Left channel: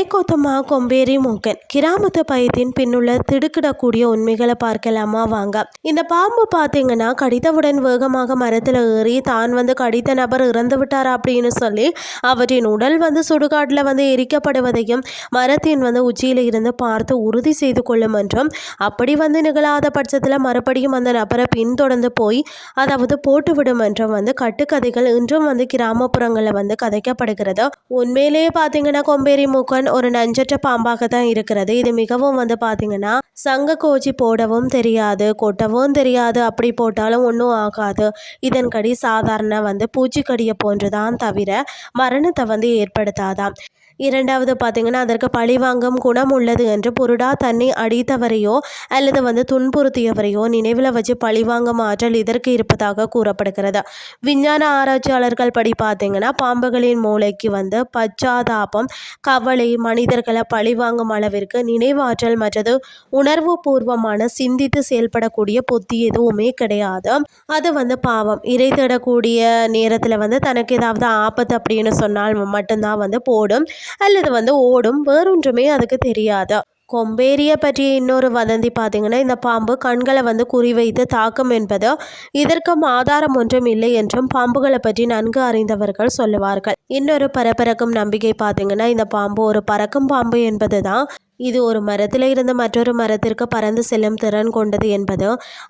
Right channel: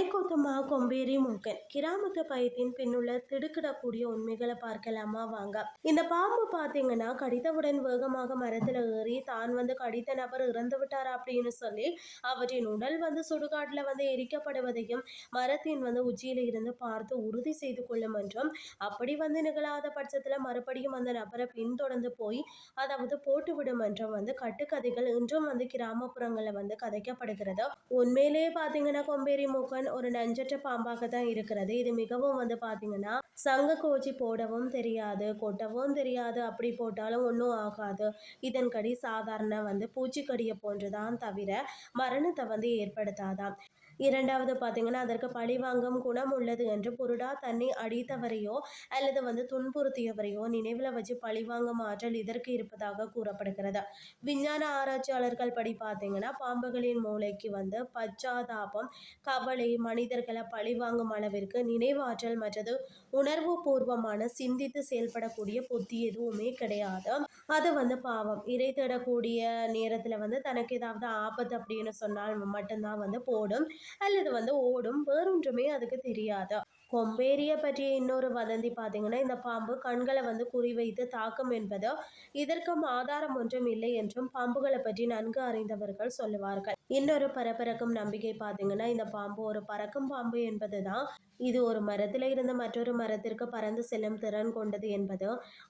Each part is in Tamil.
தலைக்கோத்தமா கொம்பேரி மூக்கன் கிராமத்து பயத்தின் பின்னுள்ள திடுக்கிடக்கூடிய உண்மைகளை பார்க்கலாமா வாங்க. இந்த பாம்பு பார்த்தீங்கன்னா கடித்தவுடன் வேகமாக மரத்தில் ஏறி தான் கடித்த நபர் இறந்து விட்டார் அப்படின்னு சொல்லி அவற்றின் உடல் சுடுகாட்டில் எரிக்கப்படுவதையும் மரத்தின் உச்சியில் இருந்து பார்த்து உறுதி செய்து கொள்ளும் என்றும் அப்படி நிகழாத பட்சத்தில் மறுபடியும் அந்த நபரை பின்தொடர்ந்து போய் அதாவது போட்டுவிடும் என்றும் கட்டுக்கதைகள் இன்றும் கிராமப்புறங்களில் கதைக்கப்படுகிறது. உண்மையிலேயே பார்த்தீங்கன்னா கொம்பேரி மூக்கன் ஒரு நஞ்சற்ற பாம்பாக தான் இருக்கிறது. இது மிகவும் பார்த்தீங்கன்னா சங்க கோச்சி போடவும் தெரியாது, கொட்டவும் தெரியாது, அப்படி போட்டாலும் ஒன்றும் ஆகாது. இதன்கடி சாதாரண பூச்சிக்கடியை போன்றுதான் தவிர மரணத்தை ஏற்படுத்தாதான். இரண்டாவது பார்த்தீங்கன்னா அதற்கு பழிவாங்கும் குணம் உள்ளது என்று புருடா தன்னை அடித்தவரையோ அல்லது துன்புறுத்தியவரையோ நினைவில் வச்சு பழிவாங்கும் ஆற்றல் இதற்கு இருப்பதாக கூறப்படுகிறது. விஞ்ஞான ஆராய்ச்சியாளர்கள் படி பார்த்தீங்கன்னா பாம்புகளின் மூளைக்கு பச்சாதாபம், கவலை, மனிதர்களை பழிவாங்கும் அளவிற்கு நினைவாற்றல் மற்றது உணர்வு பூர்வமான சிந்தித்து செயல்படக்கூடிய புத்தி எதுவுமே கிடையாது. அது பாவம் இறை தேடக்கூடிய நேரத்தில் தனக்கு ஏதாவது ஆபத்து அப்படின்னு சொன்னால் மட்டும்தான் போடும் அல்லது ஓடும், வேறொன்றுமே அதுக்கு தெரியாது. கொம்பேரியை பற்றிய இன்னொரு வதந்தி பார்த்தீங்கன்னா இந்த பாம்பு கண்களை குறிவைத்து தாக்கும் என்பது இதற்கும் ஆதாரம் ஒன்றும் இல்லை என்றும் பாம்புகளை பற்றி நன்கு அறிந்தவர்கள் சொல்லுவார்கள். இன்னொரு பரபரக்கும் நம்பிக்கை பார்த்தீங்கன்னா இந்த பாம்பு ஒரு பறக்கும் பாம்பு என்பது தான். இது ஒரு மரத்தில் இருந்து மற்றொரு மரத்திற்கு பறந்து செல்லும் திறன் கொண்டது என்பது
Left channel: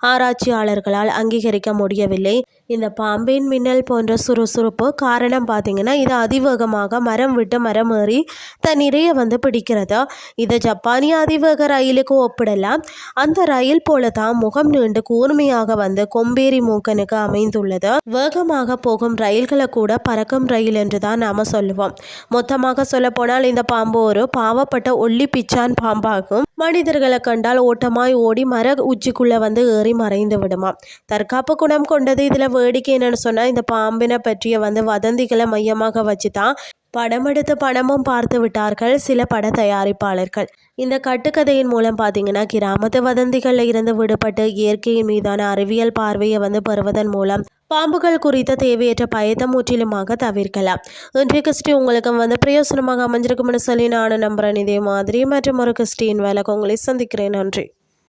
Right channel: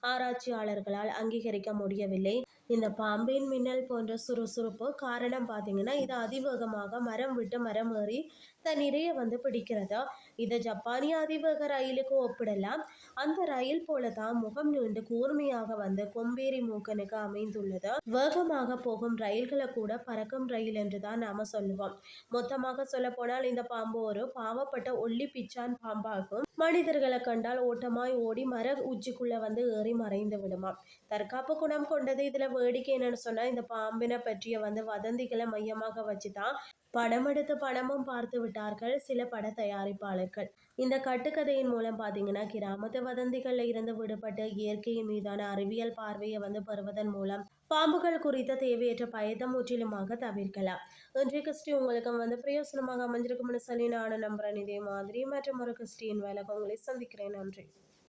ஆராய்ச்சியாளர்களால் அங்கீகரிக்க முடியவில்லை. இந்த பாம்பின் மின்னல் போன்ற சுறுசுறுப்பு காரணம் பார்த்தீங்கன்னா இது அதிவேகமாக மரம் விட்டு மரம் ஏறி தன் இரையை பிடிக்கிறது. இதை ஜப்பானிய அதிவேக ரயிலுக்கு ஒப்பிடலாம். அந்த ரயில் போல தான் முகம் நீண்டு கூர்மையாக கொம்பேரி மூக்கனுக்கு அமைந்துள்ளது. வேகமாக போகும் ரயில்களை கூட பறக்கும் ரயில் என்று தான் நாம் சொல்லுவோம். மொத்தமாக சொல்ல போனால் இந்த பாம்பு ஒரு பாவப்பட்ட ஒல்லி பிச்சான் பாம்பாகும். மனிதர்களை கண்டால் ஓட்டமாய் ஓடி மர உச்சிக்குள்ள ஏறி மறைந்து விடுமா. தற்காப்பு குணம் கொண்டது. இதுல வேடிக்கை என்னன்னு சொன்னா இந்த பாம்பினை பற்றிய வதந்திகளை மையமாக வச்சுதான் படம் எடுத்து பணமும் பார்த்து விட்டார்கள் சில பட தயாரிப்பாளர்கள். இந்த கட்டுக்கதையின் மூலம் பார்த்தீங்கன்னா கிராமத்து வதந்திகளில் இருந்து விடுபட்டு இயற்கையின் மீதான அறிவியல் பார்வையை பெறுவதன் மூலம் பாம்புகள் குறித்த தேவையற்ற பயத்தை முற்றிலுமாக தவிர்க்கலாம். இன்றைய கிறிஸ்டி உங்களுக்கு பிரயோசனமாக அமைஞ்சிருக்கும்னு சொல்லி நானும் நம்புறேன். இதே மாதிரி மற்றும் ஒரு கிறிஸ்டியின் வேலைக்கு உங்களை சந்திக்கிறேன். நன்றி.